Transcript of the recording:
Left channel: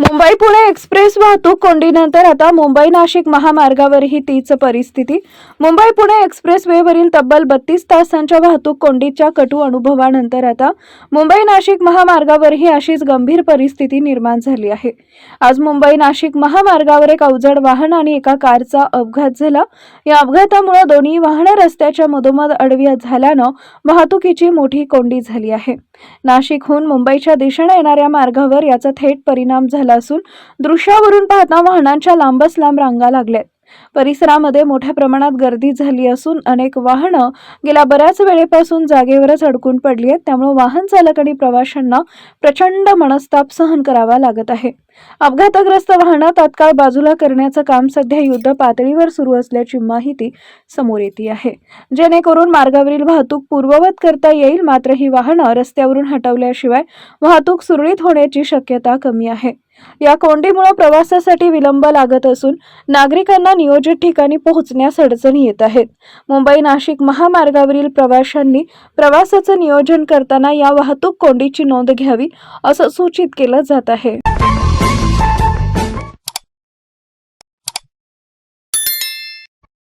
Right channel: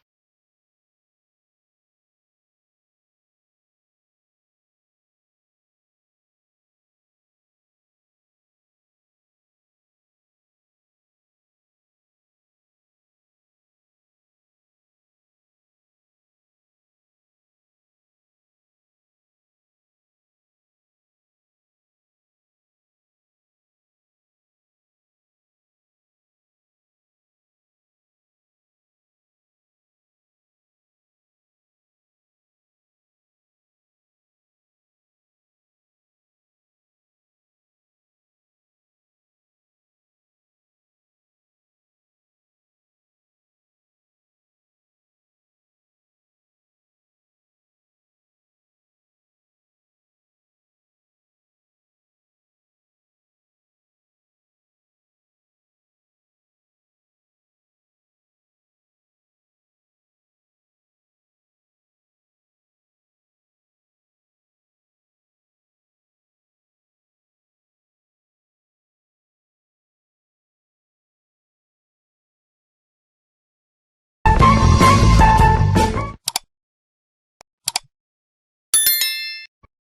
Mumbai Pune express वाहतूक कोंडीनंतर आता मुंबई नाशिक महामार्गावरही तीच परिस्थिती. मुंबई पुणे एक्सप्रेस वेवरील तब्बल बत्तीस तासांच्या वाहतूक कोंडीच्या कटू अनुभवानंतर आता मुंबई नाशिक महामार्गावरही अशीच गंभीर परिस्थिती निर्माण झाली आहे. आज मुंबई नाशिक महामार्गावर एक अवजड वाहन आणि एका कारचा अपघात झाला. या अपघातामुळे दोन्ही वाहनं रस्त्याच्या मधोमध आडवी झाल्यानं वाहतुकीची मोठी कोंडी झाली आहे. नाशिकहून मुंबईच्या दिशेने येणाऱ्या मार्गावर याचा थेट परिणाम झाला झाला असून दृश्यावरून पाहता वाहनांच्या लांबच लांब रांगा लागल्यात. परिसरामध्ये मोठ्या प्रमाणात गर्दी झाली असून अनेक वाहनं गेल्या बऱ्याच वेळेपासून जागेवरच अडकून पडली आहेत. त्यामुळे वाहन चालक आणि प्रवाशांना प्रचंड मनस्ताप सहन करावा लागत आहे. अपघातग्रस्त वाहनं तात्काळ बाजूला करण्याचं काम सध्या युद्ध पातळीवर सुरू असल्याची माहिती समोर येते आहे. जेणेकरून मार्गावरील वाहतूक पूर्ववत करता येईल मात्र ही वाहनं रस्त्यावरून हटवल्याशिवाय वाहतूक सुरळीत होण्याची शक्यता कमी आहे. या कोंडीमुळे प्रवासासाठी विलंब लागत असून नागरिकांना नियोजित ठिकाणी पोहोचण्यास अडचणी येत आहेत. मुंबई नाशिक महामार्गावरील प्रवाशांनी प्रवासाचं नियोजन करताना या वाहतूक कोंडीची नोंद घ्यावी असं सूचित केलं जात आहे.